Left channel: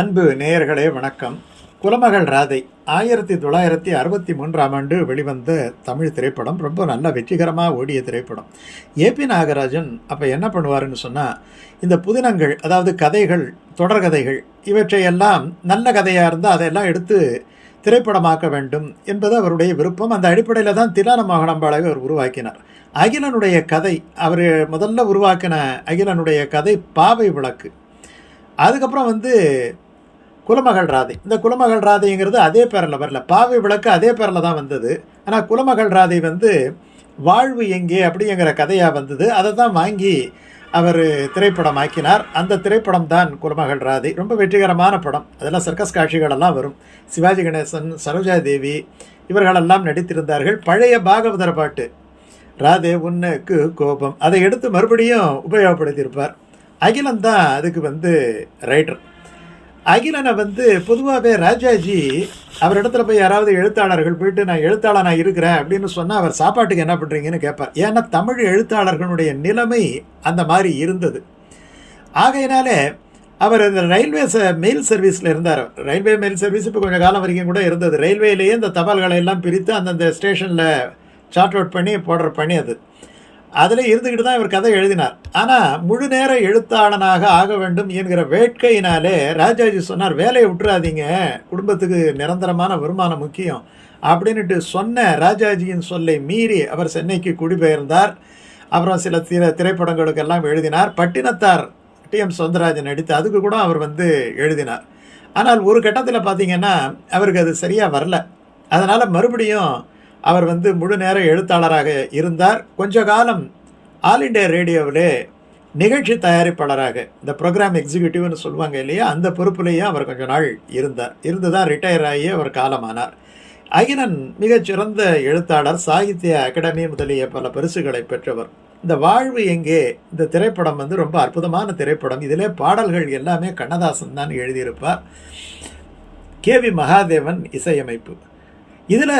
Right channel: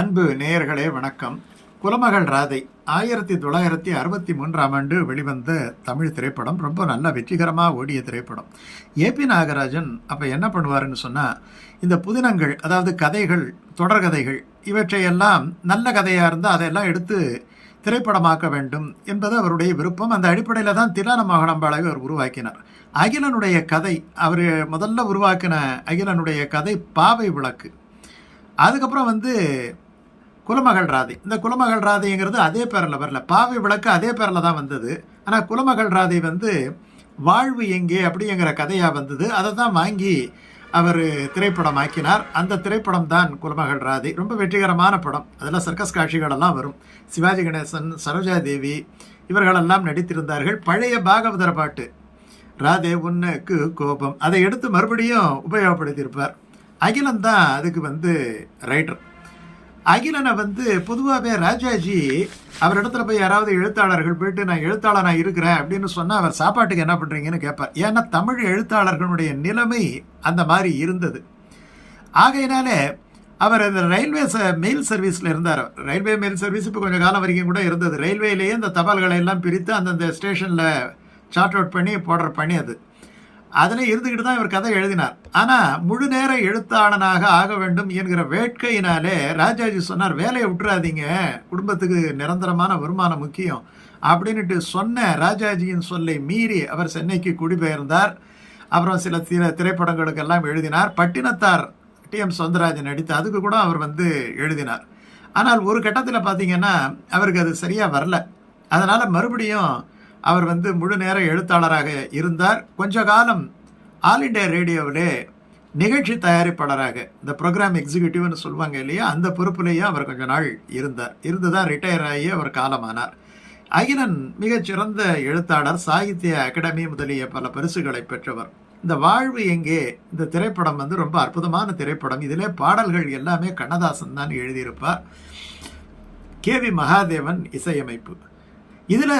அன்பு நேயர்களே வணக்கம். குலமகள் ராதை ஆயிரத்தி தொள்ளாயிரத்தி அறுபத்தி மூன்றாம் ஆண்டு வெளிவந்த தமிழ் திரைப்படம். ரொம்ப நல்ல வெற்றிகரமாக ஓடிய திரைப்படம். ஏபி நாகராஜன் அப்போ என்ன பண்ணுவாருன்னு சொன்னால் இந்த புதினங்கள் அதாவது கதைகள் தொடர்கதைகள் இவற்றையெல்லாம் நல்ல கதையாக இருந்தால் அதையெல்லாம் எடுத்து திரைப்படமாக்க வேண்டும் என்பது அவருடைய விருப்பம். அந்த அடிப்படையில் தான் திலான மோகனம்பாளையை அவர் உருவாக்கினார். அகிலனுடைய கதை அவர் முதல்ல உருவாக்கின அகிலனுடைய கதை பாவை விளக்கு. அதுக்கப்புறம் வந்து குலமகள் ராதை. இந்த குலமகள் ராதைங்கிறது அதே பேரில் வரல. பாவை விளக்கு அதே பேரில் தான் வந்தது. ஆனால் குலமகள் ராதை வந்து வாழ்வு எங்கே அப்படிங்கிற கதையாக வந்தது. அதை தான் வாங்கி அவர் திரைப்படம் ஆக்கினார் அந்த திரைப்படம் தான் குலமகள் ராதை. ரொம்ப வெற்றிகரமான படம். அதெல்லாம் சர்க்கஸ் காட்சிகளெல்லாம் வரும். சிவாஜி கணேசன் சரோஜா தேவி இவர்களெல்லாம் நடித்திருந்தார்கள். பழைய பாகவதர பாட்டு ராதே உன்னுக்கு கோபம் அதை எடுத்து மறுபடியும் உபயோகப்படுத்தியிருப்பார். அகிலன் தான் அதுக்கு வந்து ரைட்டர் அகிலனை வந்து பொதுவாகவே ராஜாஜி அவர் இடத்துல போய் யாராவது எழுத்தாளர்கள் போயிட்டு நான் எழுத்தாளனாக இருக்கிறேன் அப்படின்னு சொன்னால் அவர் சாப்பாட்டுக்கு என்ன பண்ணுறீங்கன்னு கேட்பார். ஏன்னா தமிழ் எழுத்தாளர்களுடைய நிலைமை அந்த மாதிரி இருந்தது. ஆகையினால அவர் இந்த ரயில்வே ச மெயில் சர்வீஸில் இருந்தார். ரயில்வே மெயில் சர்வீஸ் இப்போ கொஞ்சம் காலம் வரைக்கும் கூட இருந்தது. ரயில்வேலேயே இந்த தபால்களை எல்லாம் பிரித்து அந்தந்த ஸ்டேஷனில் சார்ட் அவுட் பண்ணி போடுற பணி அது. அதில் இருந்துக்கிட்டு தான் இவர் கதை எழுதினார். ஆனால் முழு நேர எழுத்தாளனாக ஆக வேண்டும் என்கிற வேட்கையினாலே ராஜாஜி சொன்னார் வேலையை விட்டுறாதீங்க குடும்பத்துக்கு நிரந்தரமான வருமானம் முக்கியம் அப்படின்னுட்டு சொன்ன ராஜாஜியின் சொல்லை மீறி அவர் சென்னைக்கு குடிபெயர்ந்தார். அப்புறம் சில திர திரைப்படங்களுக்கெல்லாம் எழுதினார். பட்டினத்தார் டி. எம். சௌந்தரராஜன் நடித்து அதுக்கு கூட அவர் வந்து எழுதினார். ஆனால் ஒரு கட்டத்தில் பார்த்தீங்கன்னா அவருக்கு அது சரியாக வரல. அதனால் மறுபடியும் அவர் வந்து முழு நேர எழுத்தாளராக இருந்தார். கொஞ்ச காலம் ஆல் இண்டியா ரேடியோவிலே நிகழ்ச்சி தயாரிப்பாளராக இந்த ப்ரோக்ராம் எக்ஸிக்யூட்டிவ்னு சொல்லுவாங்க இல்லையா அந்த பொறுப்புலேயே அவர் கொஞ்ச நாள் இருந்தார். இருந்து தான் ரிட்டையர் ஆகி அவர் காலமானார். அகிலன் மிகச்சிறந்த எழுத்தாளர் சாகித்ய அகாடமி முதலிய பல பரிசுகளை பெற்றவர். இந்த வாழ்வு எங்கே இந்த திரைப்படம் வந்து ரொம்ப அற்புதமான திரைப்படம். இதிலே பாடல்கள் எல்லாமே கண்ணதாசன் தான் எழுதியிருப்பார். கே வி மகாதேவன் இசையமைப்பு. இதில்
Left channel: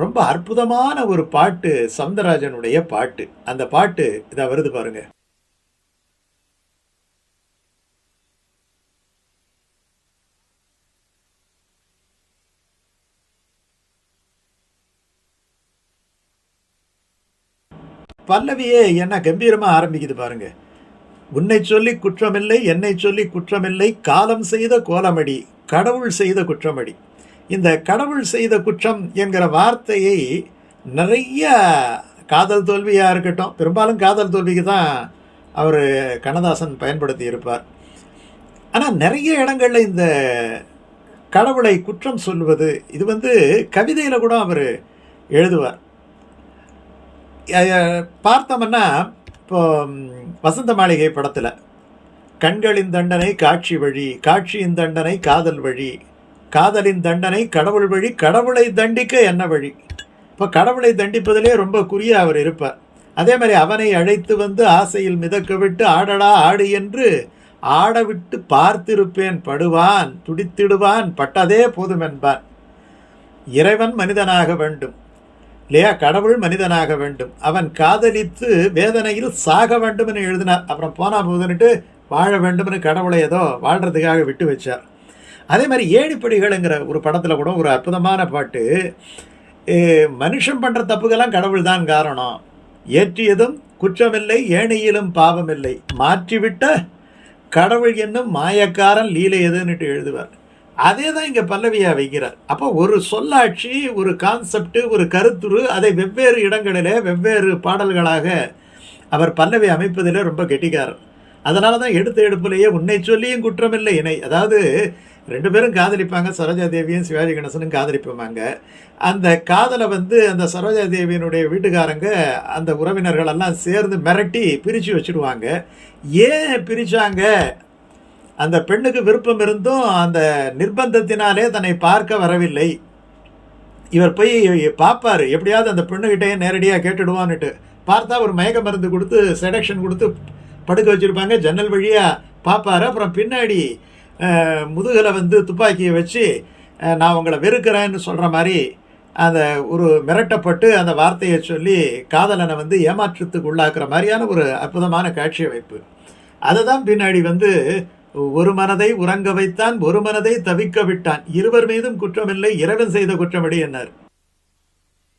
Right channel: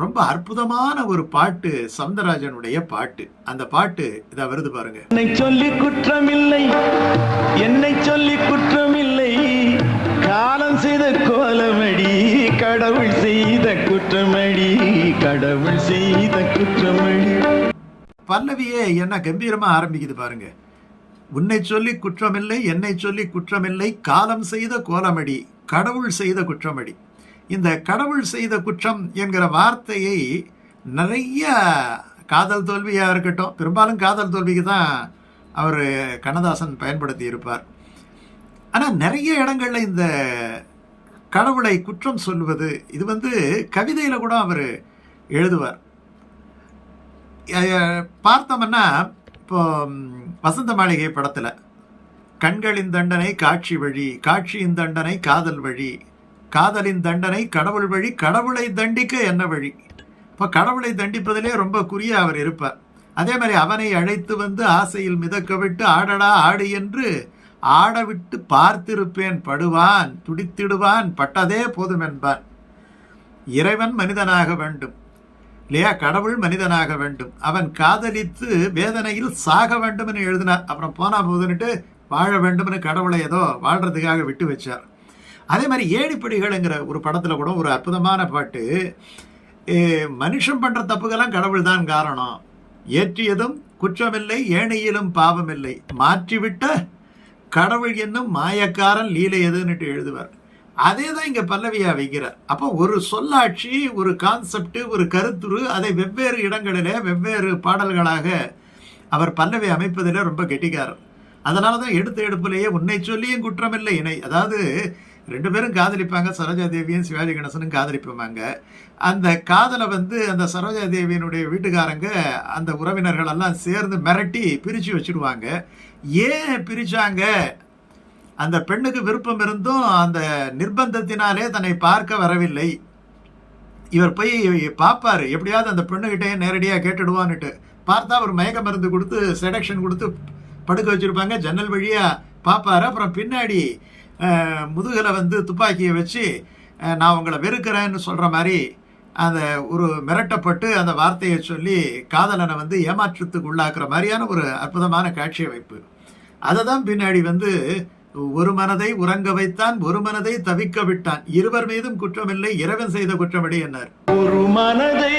ரொம்ப அற்புதமான ஒரு பாட்டு சவுந்தரராஜனுடைய பாட்டு. அந்த பாட்டு இதை வருது பாருங்க. என்னை சொல்லி குற்றமில்லை என்னை சொல்லி குற்றமில்லை. காலம் செய்த கோலமடி கடவுள் செய்த குற்றமடி கடவுள் செய்த குற்றமடி. பல்லவியே என்ன கம்பீரமா ஆரம்பிக்குது பாருங்க. உன்னை சொல்லி குற்றமில்லை என்னை சொல்லி குற்றமில்லை காலம் செய்த கோலமடி கடவுள் செய்த குற்றமடி. இந்த கடவுள் செய்த குற்றம் என்கிற வார்த்தையை நிறைய காதல் தோல்வியாக இருக்கட்டும் பெரும்பாலும் காதல் தோல்விக்கு தான் அவர் கண்ணதாசன் பயன்படுத்தி இருப்பார். ஆனால் நிறைய இடங்களில் இந்த கடவுளை குற்றம் சொல்வது இது வந்து கவிதையில் கூட அவர் எழுதுவார். பார்த்தோம்னா இப்போ வசந்த மாளிகை படத்தில் கண்களின் தண்டனை காட்சி வழி காட்சியின் தண்டனை காதல் வழி காதலின் தண்டனை கடவுள் வழி கடவுளை தண்டிக்க என்ன வழி? இப்போ கடவுளை தண்டிப்பதிலே ரொம்ப குறிய அவர் இருப்பார். அதே மாதிரி அவனை அழைத்து வந்து ஆசையில் மிதக்க விட்டு ஆடடா ஆடு என்று ஆடவிட்டு பார்த்திருப்பேன் படுவான் துடித்திடுவான் பட்டதே போதும் என்பான் இறைவன் மனிதனாக வேண்டும். இல்லையா? கடவுள் மனிதனாக வேண்டும். அவன் காதலித்து வேதனையில் சாக வேண்டும்னு எழுதினார். அப்புறம் போனா போதுன்னுட்டு வாழ வேண்டும்னு கடவுளை ஏதோ வாழ்றதுக்காக விட்டு வச்சார். அதே மாதிரி ஏணிப்படிகள்ங்கிற ஒரு படத்தில் கூட ஒரு அற்புதமான பாட்டு மனுஷன் பண்ணுற தப்புக்கெல்லாம் கடவுள் தான் காரணம். ஏற்றியதும் குற்றமில்லை ஏணியிலும் பாவமில்லை. மாற்றிவிட்ட கடவுள் என்னும் மாயக்காரன் லீலை எதுன்னுட்டு எழுதுவார். அதே தான் இங்கே பல்லவியாக வைக்கிறார். அப்போ ஒரு சொல்லாட்சி ஒரு கான்செப்ட் ஒரு கருத்துரு அதை வெவ்வேறு இடங்களில் வெவ்வேறு பாடல்களாக அவர் பல்லவி அமைப்பதில் ரொம்ப கெட்டிக்காரர். அதனால தான் எடுத்த எடுப்பிலேயே உன்னை சொல்லியும் குற்றமில்லை இணை. அதாவது ரெண்டு பேரும் காதலிப்பாங்க. சரோஜா தேவியும் சிவாஜி கணேசனும் காதலிப்பாங்க அந்த காதலை வந்து அந்த சரோஜா தேவியினுடைய வீட்டுக்காரங்க அந்த உறவினர்கள் எல்லாம் சேர்ந்து மிரட்டி பிரித்து வச்சுடுவாங்க ஏன் பிரித்தாங்க அந்த பெண்ணுக்கு விருப்பம் இருந்தும் அந்த நிர்பந்தத்தினாலே தன்னை பார்க்க வரவில்லை. இவர் போய் பார்ப்பாரு. எப்படியாவது அந்த பெண்ணுக்கிட்டே நேரடியாக கேட்டுடுவான்னுட்டு. பார்த்தா ஒரு மயக்க மருந்து கொடுத்து செடக்ஷன் கொடுத்து படுக்க வச்சுருப்பாங்க. ஜன்னல் வழியாக பார்ப்பாரு. அப்புறம் பின்னாடி முதுகில் வந்து துப்பாக்கியை வச்சு நான் உங்களை வெறுக்கிறேன்னு சொல்கிற மாதிரி அந்த ஒரு மிரட்டப்பட்டு அந்த வார்த்தையை சொல்லி காதலனை வந்து ஏமாற்றத்துக்கு உள்ளாக்குற மாதிரியான ஒரு அற்புதமான காட்சி அமைப்பு. அதை தான் பின்னாடி வந்து ஒரு மனதை உறங்க வைத்தான் ஒரு மனதை தவிக்க விட்டான். இருவர் மீதும் குற்றமில்லை இறைவன் செய்த குற்றமடி என்னார். ஒரு மனதை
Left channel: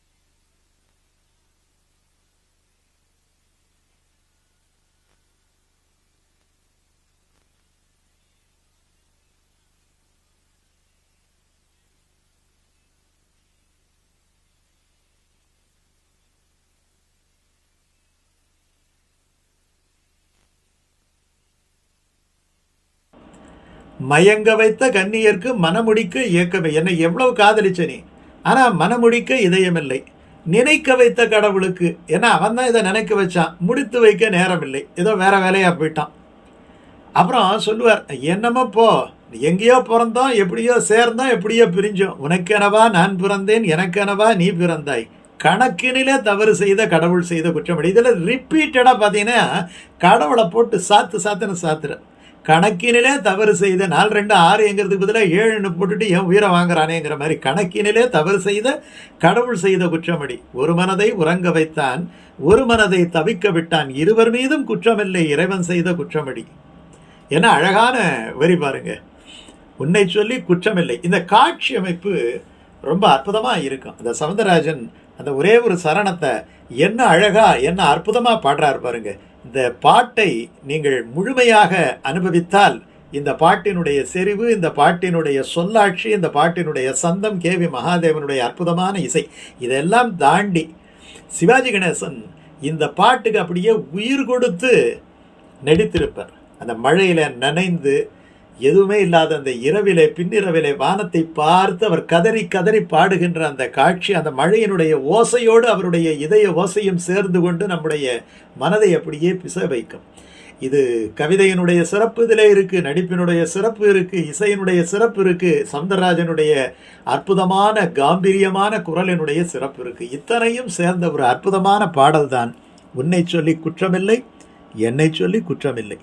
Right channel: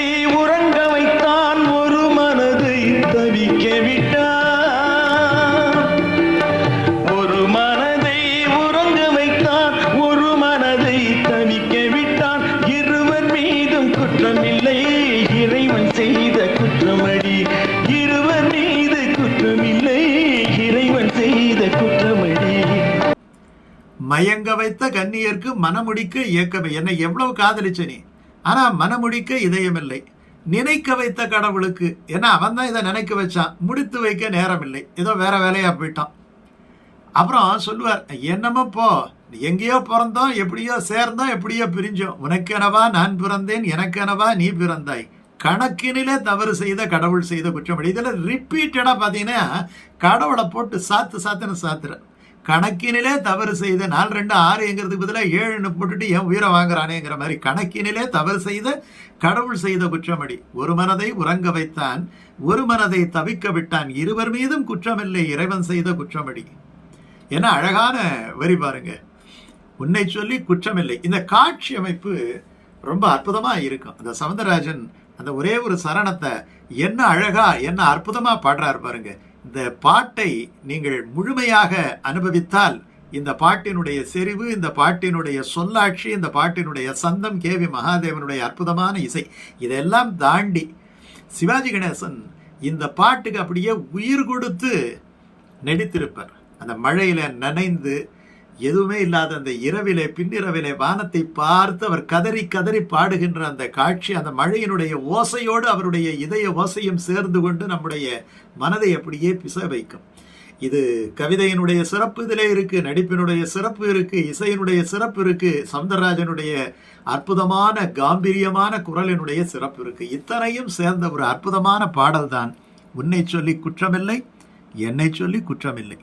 மயங்க வைத்த கன்னியர்க்கு மனமுடிக்க இயக்கமே. என்னை எவ்வளவு காதலிச்ச நீ? ஆனால் மனமுடிக்க இதயமில்லை. நினைக்க வைத்த கடவுளுக்கு. ஏன்னா அவன் தான் இதை நினைக்க வச்சான். முடித்து வைக்க நேரமில்லை. ஏதோ வேற வேலையாக போயிட்டான். அப்புறம் சொல்லுவார் என்னமோ போ. எங்கேயோ பிறந்தோம் எப்படியோ சேர்ந்தோம் எப்படியோ பிரிஞ்சோம். உனக்கெனவா நான் பிறந்தேன் எனக்கெனவா நீ பிறந்தாய்? கணக்கினிலே தவறு செய்த கடவுள் செய்த குற்றமடி. இதில் ரிப்பீட்டடாக பார்த்தீங்கன்னா கடவுளை போட்டு சாத்து சாத்துன்னு சாத்துற கணக்கினிலே தவறு செய்த நாலு ரெண்டு ஆறுங்கிறதுக்கு பதிலாக ஏழுன்னு போட்டுட்டு என் உயிரை வாங்குறானேங்கிற மாதிரி கணக்கினிலே தவறு செய்த கடவுள் செய்த குற்றமடி. ஒரு மனதை உறங்க வைத்தான் ஒரு மனதை தவிக்க விட்டான். இருவர் மீதும் குற்றமில்லை இறைவன் செய்த குற்றமடி. என்ன அழகான வரி பாருங்க. உன்னை சொல்லி குற்றமில்லை. இந்த காட்சி அமைப்பு ரொம்ப அற்புதமாக இருக்கும். அந்த சவுந்தரராஜன் அந்த ஒரே ஒரு சரணத்தை என்ன அழகா என்ன அற்புதமாக பாடுறாரு பாருங்கள் இந்த பாட்டை நீங்கள் முழுமையாக அனுபவித்தால் இந்த பாட்டினுடைய செறிவு இந்த பாட்டினுடைய சொல்லாட்சி இந்த பாட்டினுடைய சந்தம் கே வி மகாதேவனுடைய அற்புதமான இசை இதெல்லாம் தாண்டி சிவாஜி கணேசன் இந்த பாட்டுக்கு அப்படியே உயிர் கொடுத்து நடித்திருப்பார். அந்த மழையில் நனைந்து எதுவுமே இல்லாத அந்த இரவிலே பின்னிரவிலே வானத்தை பார்த்து அவர் கதறி கதறி பாடுகின்ற அந்த காட்சி அந்த மழையினுடைய ஓசையோடு அவருடைய இதய ஓசையும் சேர்ந்து கொண்டு நம்முடைய மனதை அப்படியே பிச வைக்கும். இது கவிதையினுடைய சிறப்பு இதிலே இருக்கு நடிப்பினுடைய சிறப்பு இருக்கு இசையினுடைய சிறப்பு இருக்கு சவுந்தரராஜனுடைய அற்புதமான காம்பீரியமான குரலினுடைய சிறப்பு இருக்கு. இத்தனையும் சேர்ந்த ஒரு அற்புதமான பாடல்தான் உன்னை சொல்லி குற்றமில்லை என்னை சொல்லி குற்றமில்லை.